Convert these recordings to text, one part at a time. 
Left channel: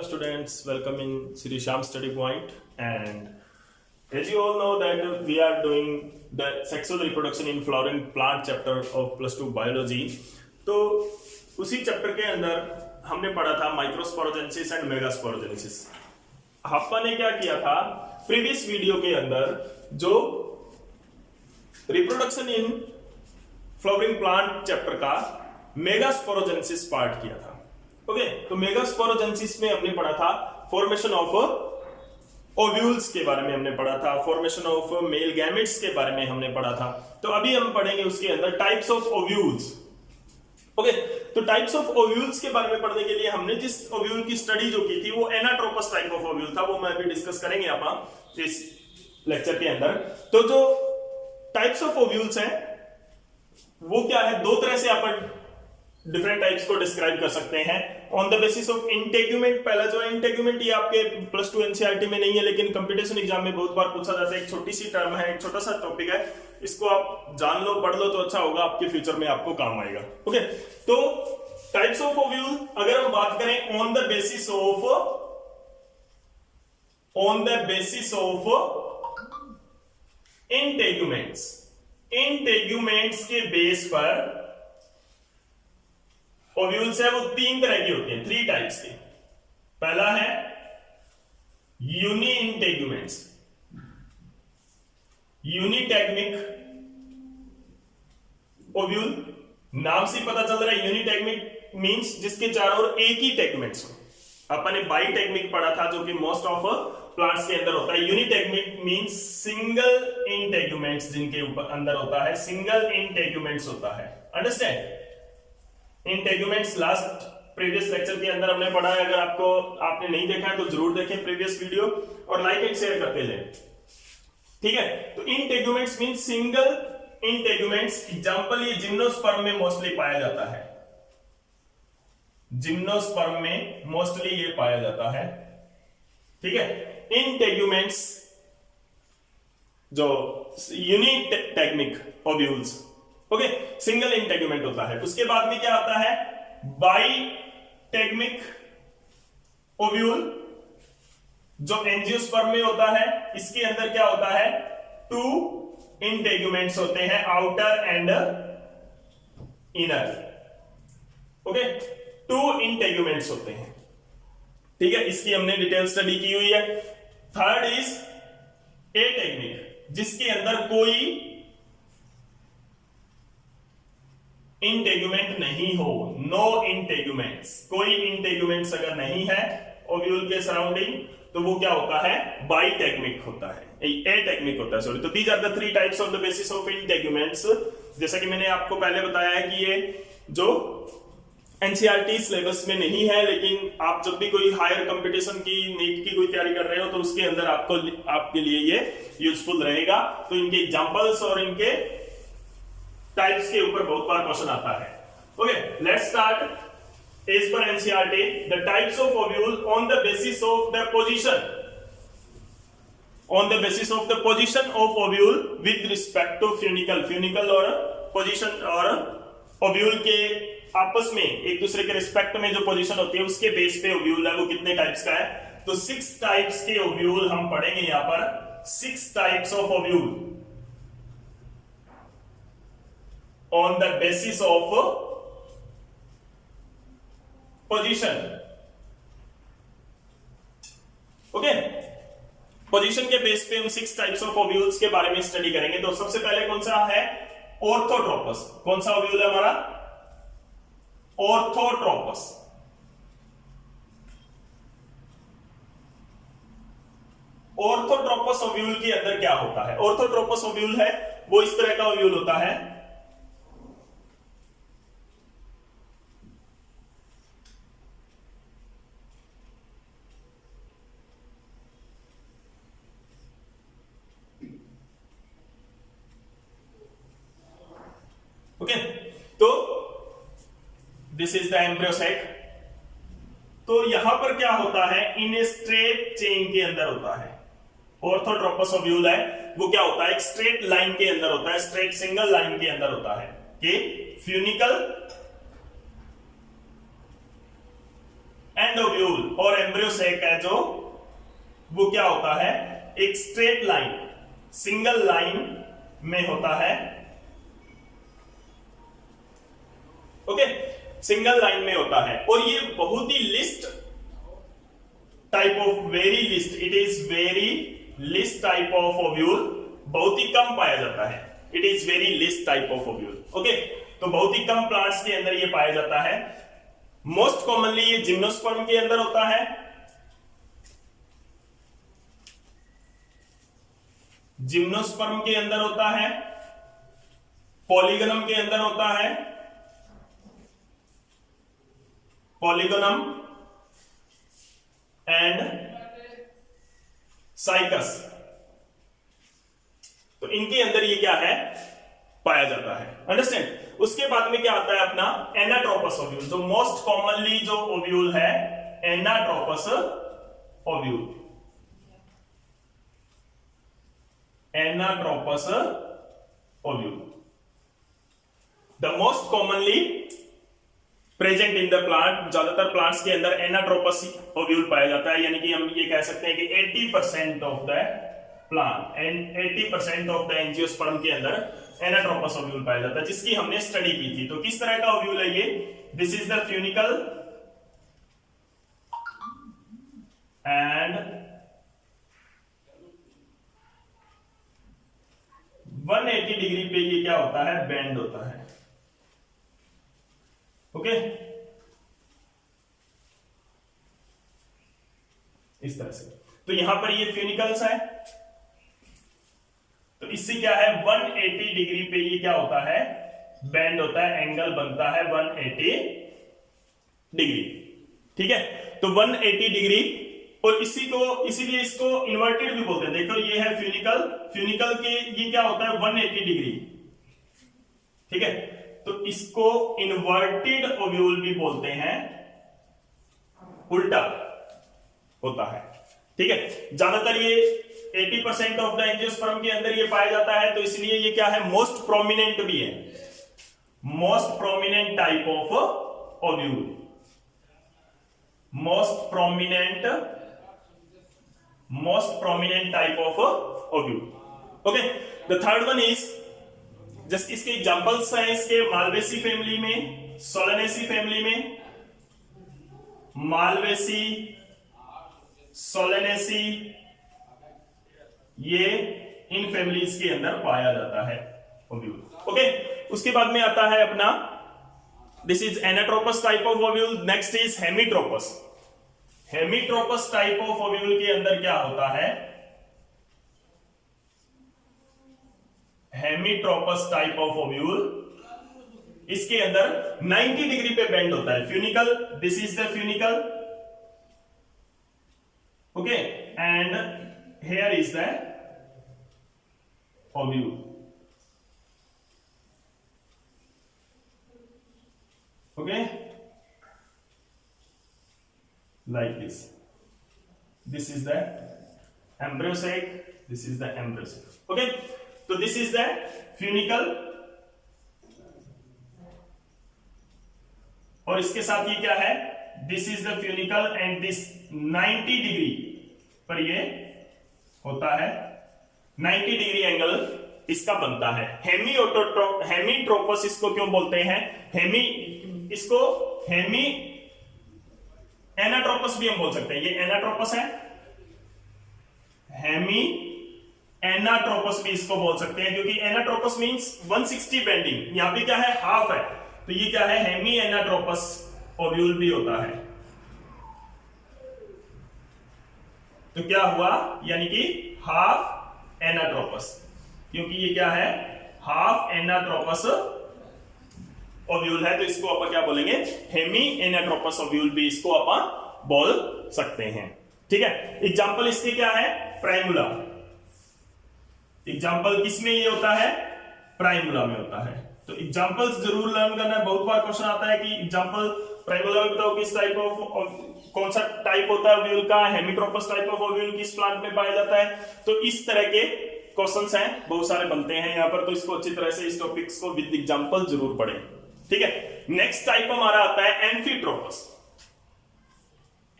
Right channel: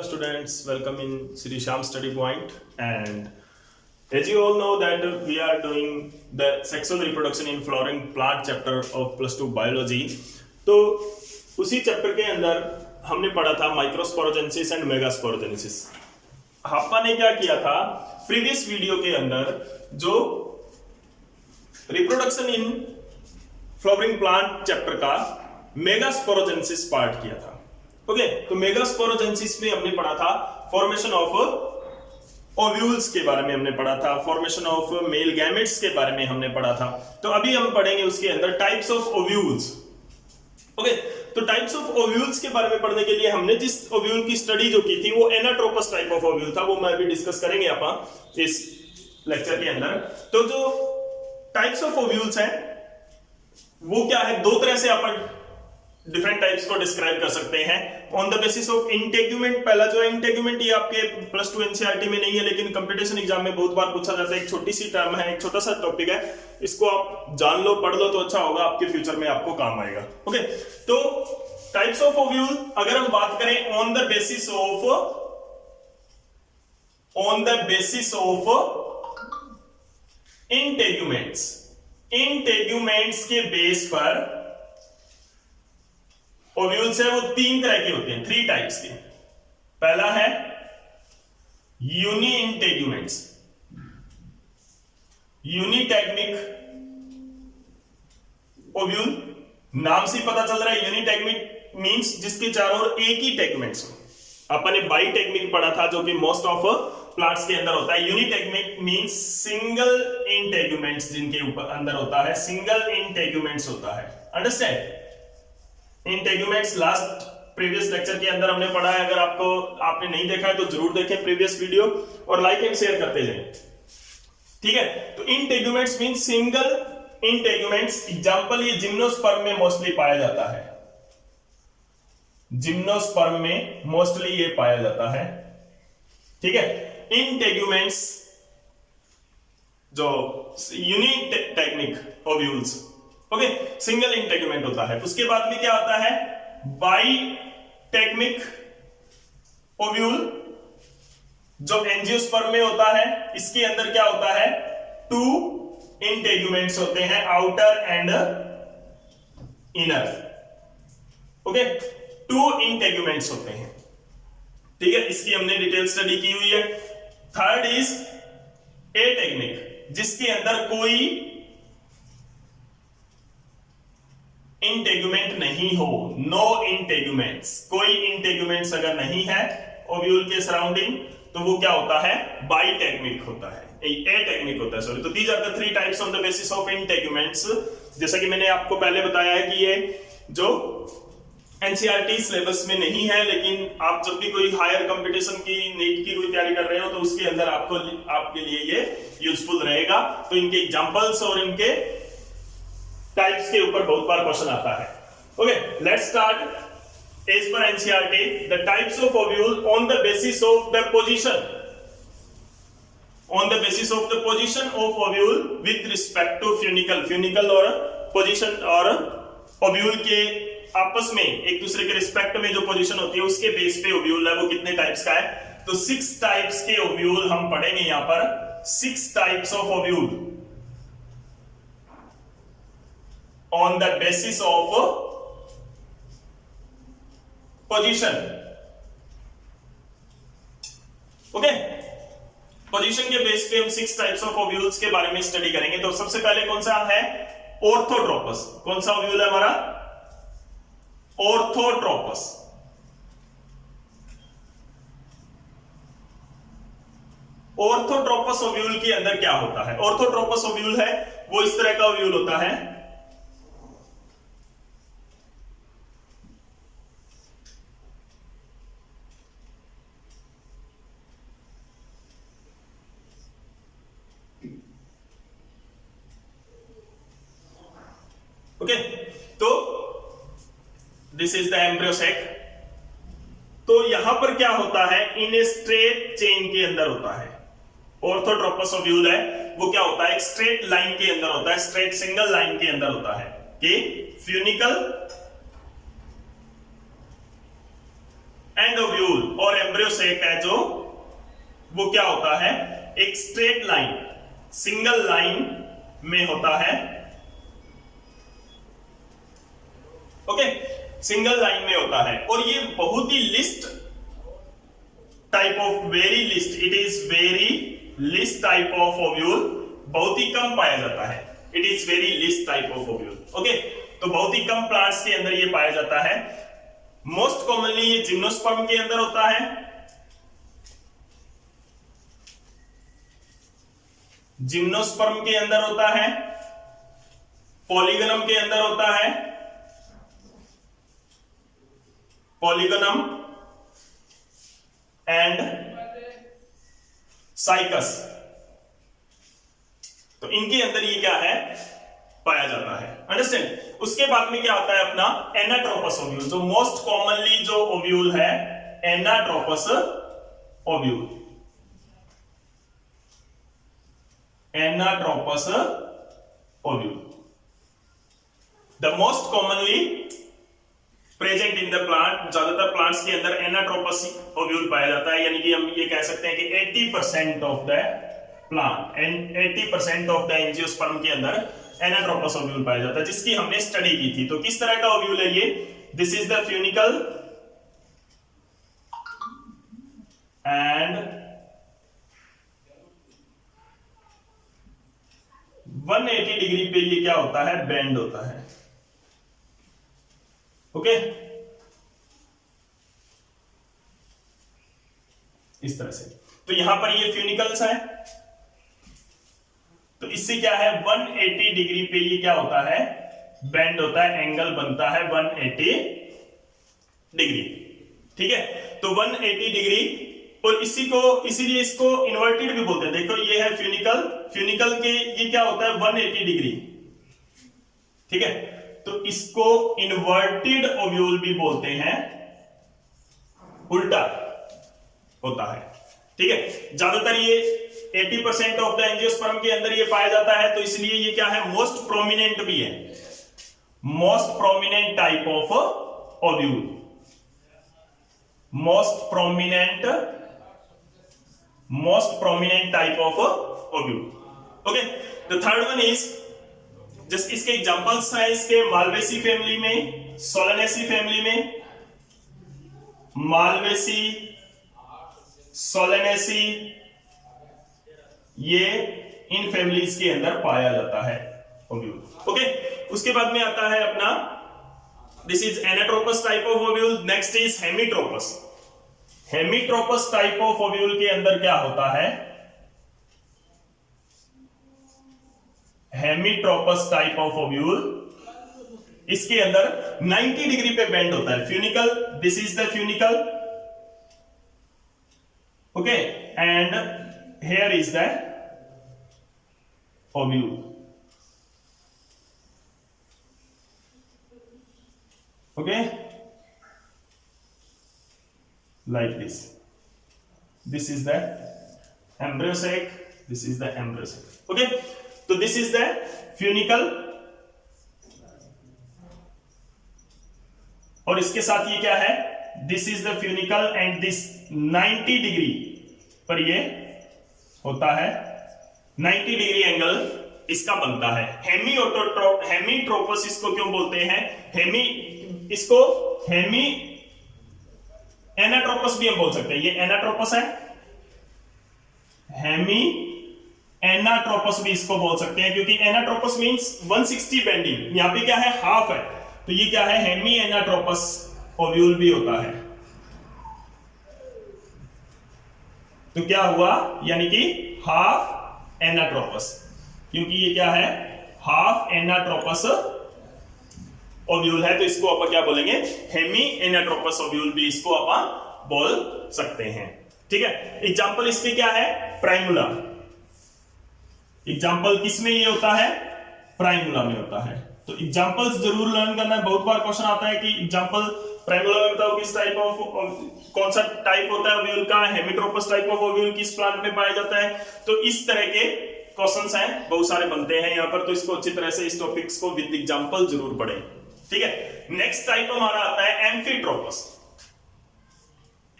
Hello students, welcome in Sri Sham Study Point, and as you all know that we are doing the sexual reproduction in flowering plant chapter of +2 biology। तो उसी chapter के अंदर हमने पढ़ा था microsporogenesis and megasporogenesis. आपने क्या किया था प्रीवियस वीडियो के अंदर जो reproduction in flowering plant chapter का मेगास्पोरोजेनेसिस पार्ट किया था। ओके, तो मेगास्पोरोजेनेसिस में हमने पढ़ा था फॉर्मेशन ऑफ ओव्यूल्स के बारे में, हमने पढ़ा था फॉर्मेशन ऑफ मेल गैमेट्स के बारे में हमने पढ़ा था। तो अभी हम पढ़ेंगे उसके अंदर टाइप्स ऑफ ओव्यूल्स। ओके, तो टाइप्स ऑफ ओव्यूल्स के बारे में पढ़ने के लिए हमने जिस ओव्यूल की स्टडी जो की थी वो एनाट्रोपस टाइप ऑफ ओव्यूल था, वो मैं अभी डिस्कस करेंगे आप इस लेक्चर के अंदर। तो जो टाइप्स ऑफ ओव्यूल्स हैं वो क्या है, दो तरह से अपन डिफरेंट टाइप्स को डिस्क्राइब कर सकते हैं on the basis of integument. पहला जो है इंटेग्यूमेंट, ये आपके +2 एनसीईआरटी में नहीं है लेकिन कंपटीशन एग्जाम में बहुत बार पूछा जाता है। एक छोटी सी टर्म है, एक छोटा सा टॉपिक है, इसको आप जान लो, पढ़ लो तो अच्छा होगा, आपके फ्यूचर में आपको काम आएगा। ओके, तो टाइप्स ऑफ ओव्यूल अगर हम बात करें on the basis of integuments के बेस पर ओव्यूल्स है वो तीन तरह के होते हैं, 3 टाइप्स के। पहला है यूनी इंटेग्यूमेंट्स, यूनिटेग्मिक ओव्यूल। नाम से पता चल रहा है यूनिटेग्मिक मींस जिसके चारों ओर एक ही टेगमेंट्स हो। अपन ने बाईटेग्मिक पढ़ा था जो कि मोस्ट ऑफ प्लांट्स के अंदर होता है। यूनिटेग्मिक मींस सिंगल इंटेग्यूमेंट्स जिनके ऊपर अंदर होता है, सिंगल इंटेग्यूमेंट्स होता है। Understand? Integuments last previous lecture के अंदर हमने पढ़ा है। अगर आपने नहीं देखा है तो जरूर देखें प्रीवियस वीडियो और लाइक एंड शेयर करते जाएं, ठीक है। तो integuments mean single integuments. Example ये जिम्नोस्पर्म में मोस्टली पाया जाता है, जिम्नोस्पर्म में मोस्टली ये पाया जाता है, ठीक है। इंटेग्यूमेंट्स जो यूनिटेग्मिक ओव्यूल्स, ओके, सिंगल इंटेग्यूमेंट होता है। उसके बाद में क्या आता है बाईटेग्मिक ओव्यूल जो एंजियोस्पर्म में होता है। इसके अंदर क्या होता है 2 इंटेग्यूमेंट्स होते हैं, outer and inner. Okay, 2 integuments होते हैं, ठीक है। इसकी हमने डिटेल स्टडी की हुई है। थर्ड इज एटेग्मिक जिसके अंदर कोई इंटेग्यूमेंट नहीं हो, नो इंटेग्यूमेंट्स। कोई इंटेग्यूमेंट्स अगर नहीं है ओव्यूल के सराउंडिंग तो वो क्या होता है बाईटेग्मिक होता है, एटेग्मिक होता है, सॉरी। तो these are the 3 types on the basis of integuments. जैसा कि मैंने आपको पहले बताया है कि ये जो एनसीईआरटी सिलेबस में नहीं है, लेकिन आप जब भी कोई हायर कंपटीशन की नीट की कोई तैयारी कर रहे हो तो उसके अंदर आपके लिए ये यूजफुल रहेगा। तो इनके एग्जांपल्स और इनके टाइप्स के ऊपर बहुत बार क्वेश्चन आता है। Okay, let's start as per NCERT the types of ovule on the basis of the position of ovule with respect to funicle और पोजीशन और ओव्यूल के आपस में एक दूसरे के रिस्पेक्ट में जो पोजीशन होती है उसके बेस पे ओव्यूल है वो कितने टाइप्स का है। तो 6 टाइप्स के ओव्यूल हम पढ़ेंगे यहां पर। 6 types of ovule on the basis of position। Okay, position के बेस पे हम 6 टाइप्स ऑफ ओव्यूल्स के बारे में स्टडी करेंगे। तो सबसे पहले कौन सा है ऑर्थोट्रोपस। कौन सा ओव्यूल है हमारा ऑर्थोट्रोपस। ऑर्थोट्रोपस ओव्यूल के अंदर क्या होता है, ऑर्थोट्रोपस ओव्यूल है वो इस तरह का ओव्यूल होता है। ओके, तो this is the embryo sac. तो यहां पर क्या होता है इन ए स्ट्रेट चेन के अंदर होता है। ऑर्थोट्रोपस ओव्यूल है वो क्या होता है एक स्ट्रेट लाइन के अंदर होता है, स्ट्रेट सिंगल लाइन के अंदर होता है कि फ्यूनिकल एंड ओव्यूल और एम्ब्रियोसेक है जो वो क्या होता है, एक स्ट्रेट लाइन, सिंगल लाइन में होता है। ओके, सिंगल लाइन में होता है और ये बहुत ही list type of, very list, it is very list type of ovule, बहुत ही कम पाया जाता है। It is very list type of ovule. Okay, तो बहुत ही कम प्लांट्स के अंदर ये पाया जाता है। मोस्ट कॉमनली ये जिम्नोस्पर्म के अंदर होता है, जिम्नोस्पर्म के अंदर होता है, पॉलीगनम के अंदर होता है, पॉलीगनम एंड साइकस, तो इनके अंदर ये क्या है, पाया जाता है। अंडरस्टैंड। उसके बाद में क्या आता है अपना एनाट्रोपस ओव्यूल, जो मोस्ट कॉमनली जो ओव्यूल है, anatropous ovule, anatropous ovule, the most commonly present in the plant. ज्यादातर प्लांट्स के अंदर एनाट्रोपस ओव्यूल पाया जाता है, यानी कि हम ये कह सकते हैं कि 80% of the plant and 80% of the angiosperm के अंदर एनाट्रोपस ओव्यूल पाया जाता है, जिसकी हमने स्टडी की थी। तो किस तरह का ओव्यूल है ये, this is the funicle and 180 degree पे ये क्या होता है, बेंड होता है। ओके, इस तरह से। तो यहां पर ये फ्यूनिकल्स है, तो इससे क्या है, 180 डिग्री पे ये क्या होता है, बेंड होता है, एंगल बनता है 180 डिग्री। ठीक है, तो 180 डिग्री, और इसी को, इसीलिए इसको इन्वर्टेड भी बोलते हैं। देखो ये है फ्यूनिकल, फ्यूनिकल के ये क्या होता है 180 डिग्री। ठीक है, तो इसको इन्वर्टेड ओव्यूल भी बोलते हैं, उल्टा होता है। ठीक है, ज्यादातर ये 80% ऑफ द एंजियोस्पर्म के अंदर ये पाया जाता है, तो इसलिए ये क्या है, मोस्ट प्रोमिनेंट भी है, most prominent type of ovule, most prominent type of ovule. Okay, the third one is, just इसके एग्जांपल्स हैं इसके, मालवेसी फैमिली में, सोलेनेसी फैमिली में, मालवेसी, सोलेनेसी, ये इन फैमिलीज के अंदर पाया जाता है ओव्यूल। ओके, उसके बाद में आता है अपना, this is anatropous type of ovule. Next is हेमीट्रोपस। हेमीट्रोपस type of ovule के अंदर क्या होता है, हेमीट्रोपस टाइप ऑफ ओव्यूल, इसके अंदर 90 डिग्री पे बेंड होता है। Funicle, this is the funicle, okay, and here is the ovule. Okay, like this is the embryosec, this is the embryosec. Okay, so this is the funicle, और इसके साथ ये क्या है, this is the funicle and this 90 degree पर ये होता है, 90 डिग्री एंगल इसका बनता है। हेमीट्रोपस इसको क्यों बोलते हैं, इसको हेमी एनाट्रोपस भी हम बोल सकते हैं, ये एनाट्रोपस है, हेमी एनाट्रोपस भी इसको बोल सकते हैं, क्योंकि एनाट्रोपस मींस 160 बेंडिंग, यहां पे क्या है, हाफ है, तो ये क्या है, हेमी एनाट्रोपस ओव्यूल भी होता है। तो क्या हुआ, यानी कि हाफ एनाट्रोपस, क्योंकि ये क्या है, हाफ एनाट्रोपस ओव्यूल है, तो इसको अपन क्या बोलेंगे, हेमी एनाट्रोपस ओव्यूल भी इसको अपन बोल सकते हैं। ठीक है, एग्जांपल इसके क्या है, प्राइमुला। एग्जांपल किसमें ये होता है, प्राइमुला में होता है। तो एग्जांपल्स जरूर लर्न करना है, बहुत बार क्वेश्चन आता है कि एग्जांपल प्राइमुला में बताओ किस टाइप ऑफ, कौन सा टाइप होता है ओव्यूल का, हेमीट्रोपस टाइप ऑफ ओव्यूल किस प्लांट में पाया जाता है। तो इस तरह के क्वेश्चंस हैं, बहुत सारे बनते हैं यहाँ पर, तो इसको अच्छी तरह से इस टॉपिक्स को विद एग्जांपल जरूर पढ़ें। ठीक है, नेक्स्ट टाइप हमारा आता है एम्फीट्रोपस।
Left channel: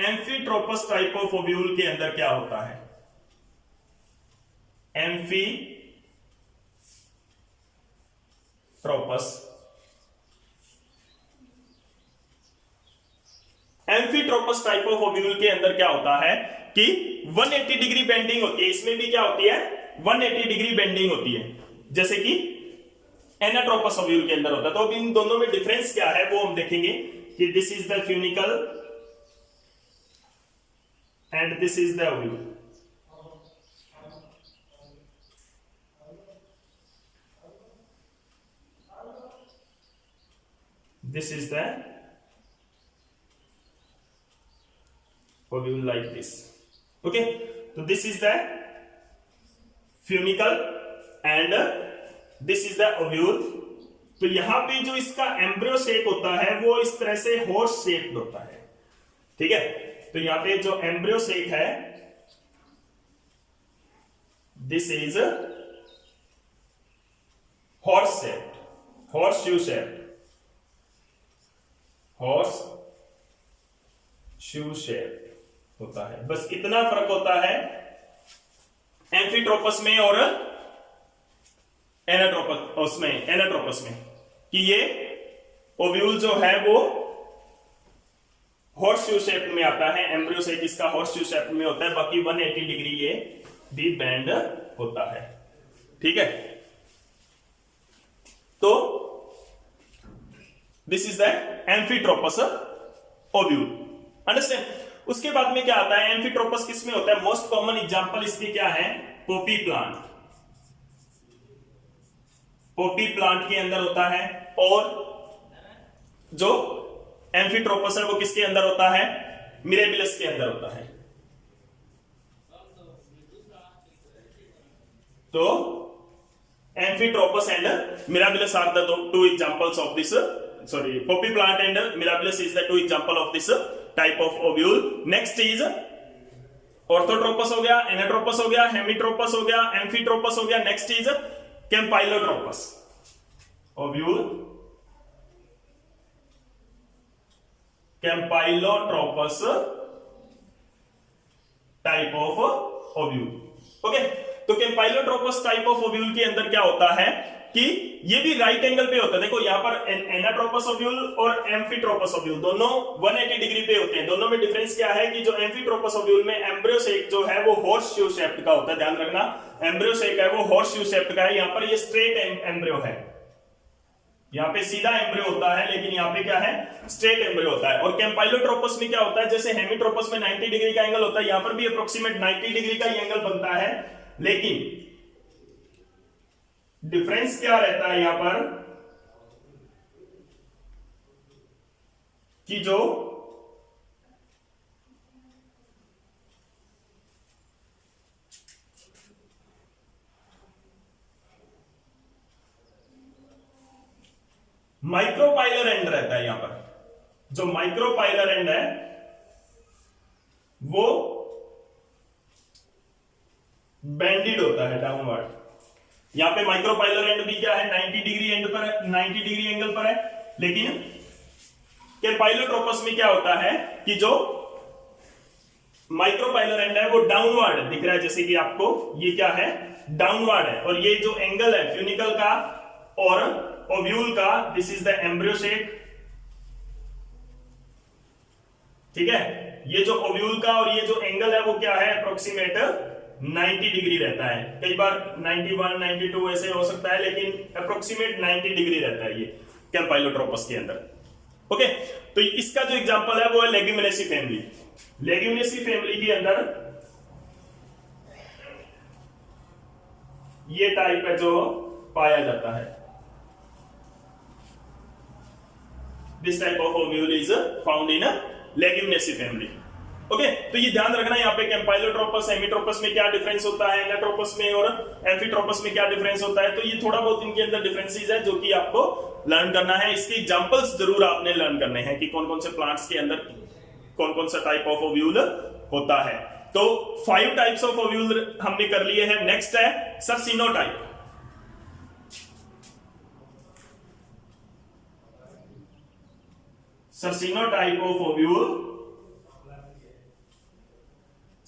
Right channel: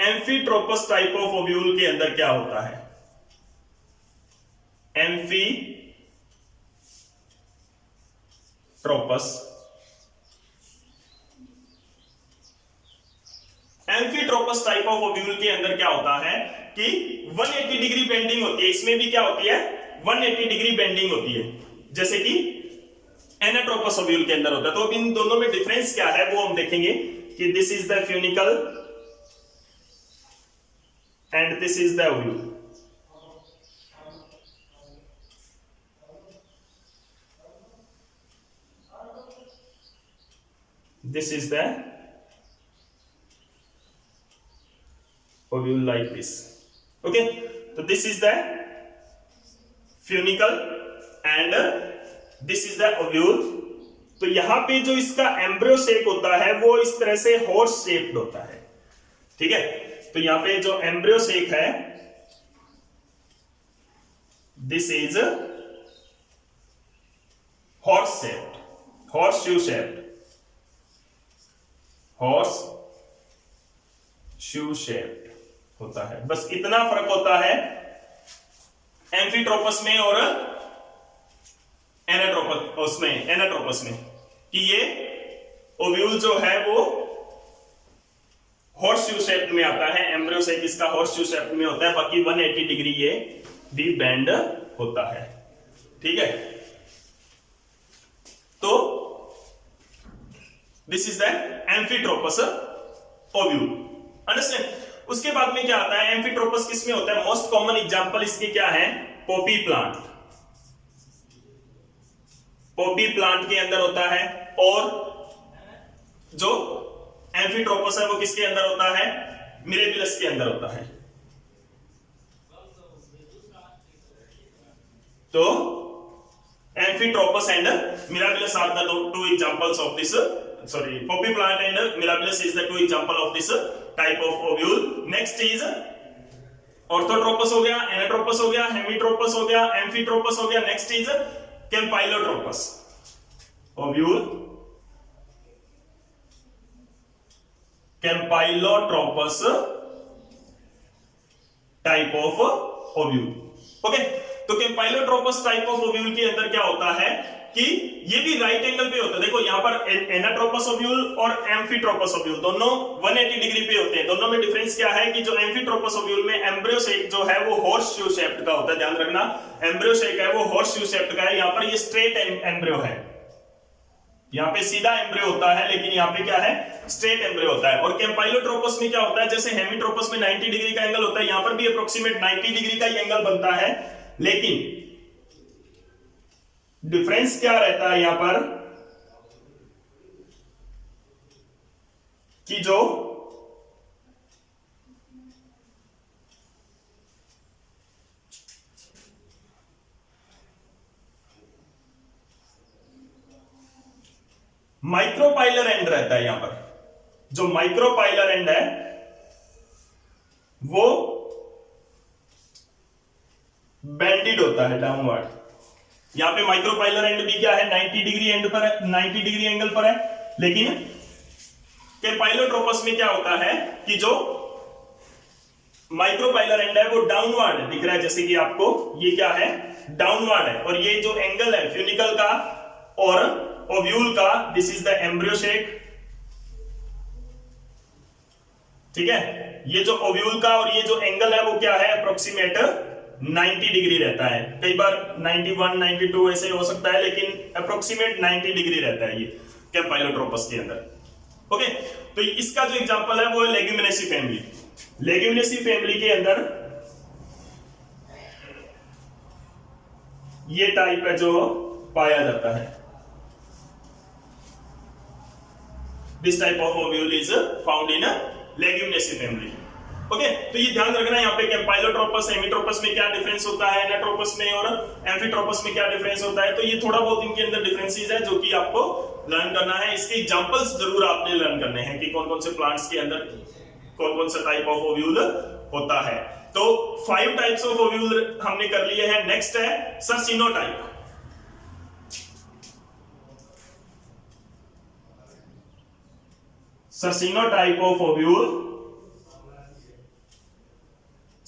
एम्फीट्रोपस टाइप ऑफ ओव्यूल के अंदर क्या होता है? एम्फीट्रोपस टाइप ऑफ ओव्यूल के अंदर क्या होता है कि 180 डिग्री बेंडिंग होती है। इसमें भी क्या होती है? 180 डिग्री बेंडिंग होती है, जैसे कि एनाट्रोपस ओव्यूल के अंदर होता है। तो अब इन दोनों में डिफरेंस क्या है वो हम देखेंगे कि this is the funicle and this is the ovule. This is the ovule like this. Okay, so this is the funicle and this is the ovule. तो यहां पे जो इसका एम्ब्रियो शेप होता है वो इस तरह से हॉर्स शेप्ड होता है। ठीक है, तो यहां पे जो एम्ब्रियो शेप है this is horse shaped, horse shoe shaped, horse shoe shaped होता है। बस इतना फर्क होता है एम्फीट्रोपस में और एनाट्रोपस में कि ये ओव्यूल जो है वो हॉर्स शू शेप में आता है, एम्ब्रियो शेप इसका हॉर्स शू शेप में होता है, बाकी 180 डिग्री ये भी बेंड होता है। ठीक है, तो this is the एम्फीट्रोपस ovule. Understand? उसके बाद में क्या आता है? एम्फीट्रोपस किस में होता है? मोस्ट कॉमन एग्जांपल इसके क्या है? Poppy plant. पॉपी प्लांट के अंदर होता है। और जो एम्फीट्रोपस है वो किसके अंदर होता है? मिरेबिलस के अंदर होता है। तो एम्फीट्रोपस and mirabilis are the two examples of this, sorry, Poppy plant and mirabilis is the two example of this type of ovule. Next is orthotropous हो गया, एनाट्रोपस हो गया, हेमिट्रोपस हो गया, एम्फीट्रोपस हो गया। Next is कैम्पाइलोट्रोपस ovule, कैम्पाइलोट्रोपस type of ovule. Okay, तो कैम्पाइलोट्रोपस type of ovule के अंदर क्या होता है कि ये भी राइट एंगल पे होता है। देखो यहां पर एनाट्रोपस ओव्यूल और एम्फीट्रोपस ओव्यूल दोनों 180 डिग्री पे होते हैं। दोनों में डिफरेंस क्या है कि जो एम्फीट्रोपस ओव्यूल में एम्ब्रियो शेप जो है वो हॉर्स शू शेप्ड का होता है। ध्यान रखना, एम्ब्रियो शेप है वो हॉर्स शू शेप्ड का है। यहां पर ये स्ट्रेट एम्ब्रियो है, यहां पे सीधा एम्ब्रियो होता है, लेकिन यहां पे क्या है? स्ट्रेट एम्ब्रियो होता है। और कैम्पाइलोट्रोपस में क्या होता है? जैसे हेमिट्रोपस में 90 डिग्री का एंगल होता है, यहां पर भी अप्रोक्सीमेट 90 डिग्री का एंगल बनता है। लेकिन डिफरेंस क्या रहता है यहां पर कि जो माइक्रोपाइलर एंड रहता है, यहां पर जो माइक्रोपाइलर एंड है वो बेंडेड होता है डाउनवर्ड। यहां पे माइक्रोपाइलर एंड भी क्या है? 90 डिग्री एंड पर है, 90 डिग्री एंगल पर है। लेकिन कैम्पाइलोट्रोपस में क्या होता है कि जो माइक्रोपाइलर एंड है वो डाउनवर्ड दिख रहा है, जैसे कि आपको ये क्या है? डाउनवर्ड है। और ये जो एंगल है फ्यूनिकल का और ओव्यूल का, this is the embryo shape. ठीक है, ये जो ओव्यूल का और ये जो एंगल है वो क्या है? अप्रोक्सीमेट 90 डिग्री रहता है। कई बार 91, 92 ऐसे हो सकता है, लेकिन अप्रोक्सीमेट 90 डिग्री रहता है ये कैम्पाइलोट्रोपस के अंदर। ओके, तो इसका जो एग्जांपल है वो है लेग्यूमिनेसी फैमिली। लेग्यूमिनेसी फैमिली के अंदर ये टाइप है जो पाया जाता है। This type of ovule is found in Leguminosae family. Okay, तो ये ध्यान रखना है यहाँ पे कैम्पाइलोट्रोपस हेमिट्रोपस में क्या डिफरेंस होता है, एनाट्रोपस में और एम्फीट्रोपस में क्या डिफरेंस होता है। तो ये थोड़ा बहुत इनके अंदर डिफरेंसेस है जो कि आपको लर्न करना है। इसके एग्जांपल्स जरूर आपने लर्न करने हैं कि कौन कौन से प्लांट्स के अंदर कौन कौन सा टाइप ऑफ ओव्यूल होता है। तो 5 टाइप्स ऑफ ओव्यूल हमने कर लिए हैं। नेक्स्ट है सर्सिनोटाइप। सर्सिनोटाइप ऑफ ओव्यूल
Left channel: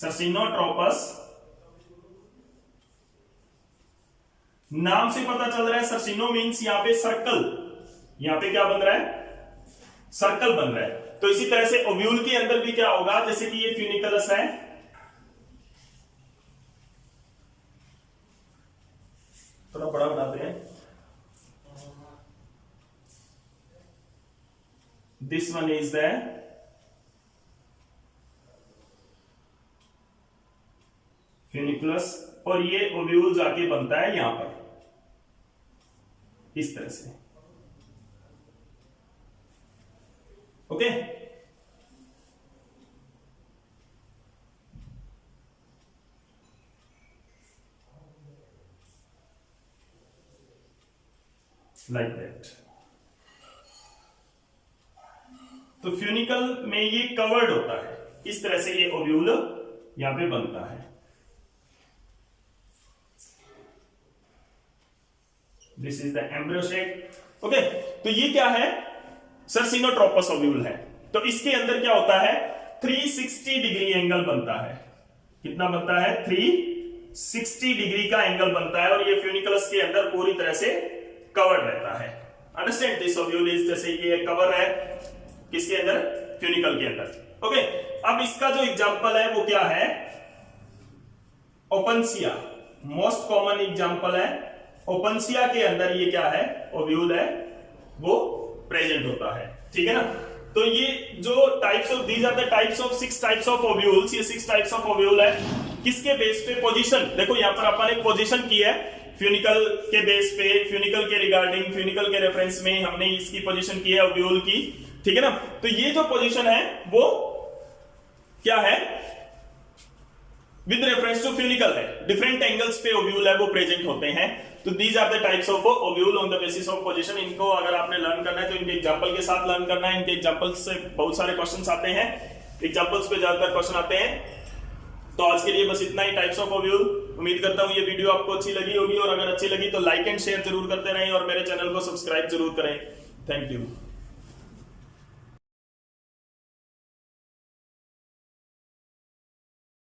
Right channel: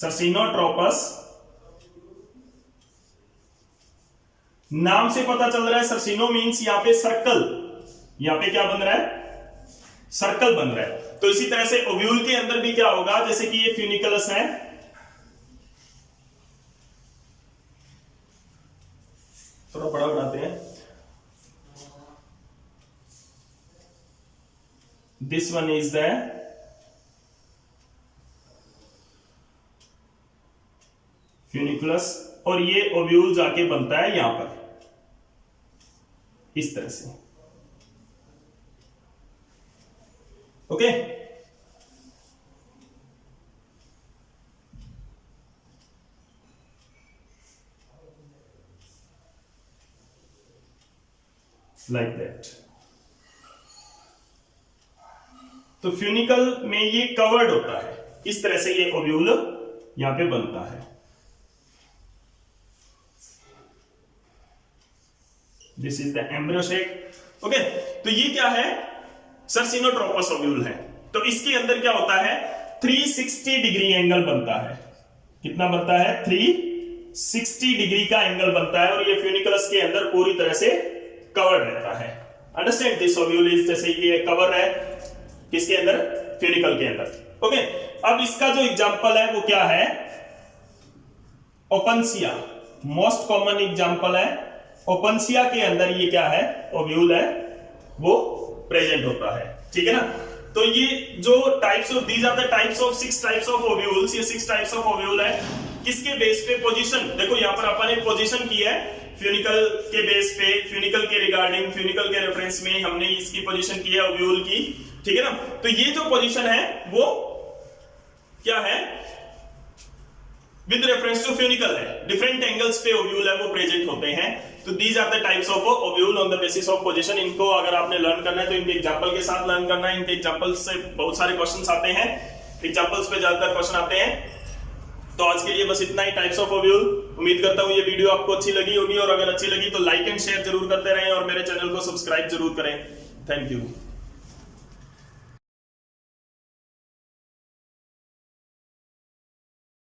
सर्सिनोट्रोपस, नाम से पता चल रहा है सर्सिनो मीन्स यहां पे सर्कल, यहां पे क्या बन रहा है, सर्कल बन रहा है। तो इसी तरह से ओव्यूल के अंदर भी क्या होगा, जैसे कि ये फ्यूनिकलस है, थोड़ा बड़ा बनाते हैं, this one is the funiculus, और ये ओव्यूल जाके बनता है यहां पर इस तरह से। Okay, like that. तो फ्यूनिकल में ये कवर्ड होता है, इस तरह से ये ओव्यूल यहां पे बनता है। This is the embryo shake. Okay, तो ये क्या है, सर्सिनोट्रोपस ओव्यूल है। तो इसके अंदर क्या होता है, 360 डिग्री एंगल बनता है। कितना बनता है, 360 डिग्री का एंगल बनता है, और ये फ्यूनिकुलस के अंदर पूरी तरह से कवर्ड रहता है। अंडरस्टैंड, दिस ओव्यूल इज, जैसे ये कवर है किसके अंदर, फ्यूनिकल के अंदर। ओके, अब इसका जो एग्जांपल है वो क्या है, ओपनसिया, मोस्ट कॉमन एग्जांपल है। ओपनसिया के अंदर ये क्या है, ओव्यूल है, वो प्रेजेंट होता है, ठीक है ना। तो ये जो types of, these are the types of 6 types of ovules, ये 6 टाइप्स ऑफ ओव्यूल है। किसके बेस पे, पोजीशन, देखो यहां पर अपन एक पोजीशन की है, फ्यूनिकल के बेस पे, फ्यूनिकल के रिगार्डिंग, फ्यूनिकल के रेफरेंस में हमने इसकी पोजीशन की है ओव्यूल की, ठीक है ना। तो ये जो पोजीशन है वो क्या है, विद रेफरेंस टू फ्यूनिकल है, डिफरेंट एंगल्स पे ओव्यूल है वो प्रेजेंट होते हैं। तो these are the types of ovule on the basis of position. इनको अगर आपने लर्न करना है तो इनके एग्जांपल के साथ लर्न करना है। इनके एग्जांपल से बहुत सारे क्वेश्चंस आते हैं, एग्जांपल्स पे ज्यादातर क्वेश्चन आते हैं। तो आज के लिए बस इतना ही, टाइप्स ऑफ ओव्यूल। उम्मीद करता हूं ये वीडियो आपको अच्छी लगी होगी, और अगर अच्छी लगी तो लाइक एंड शेयर जरूर करते रहें, और मेरे चैनल को सब्सक्राइब जरूर करें। Thank you.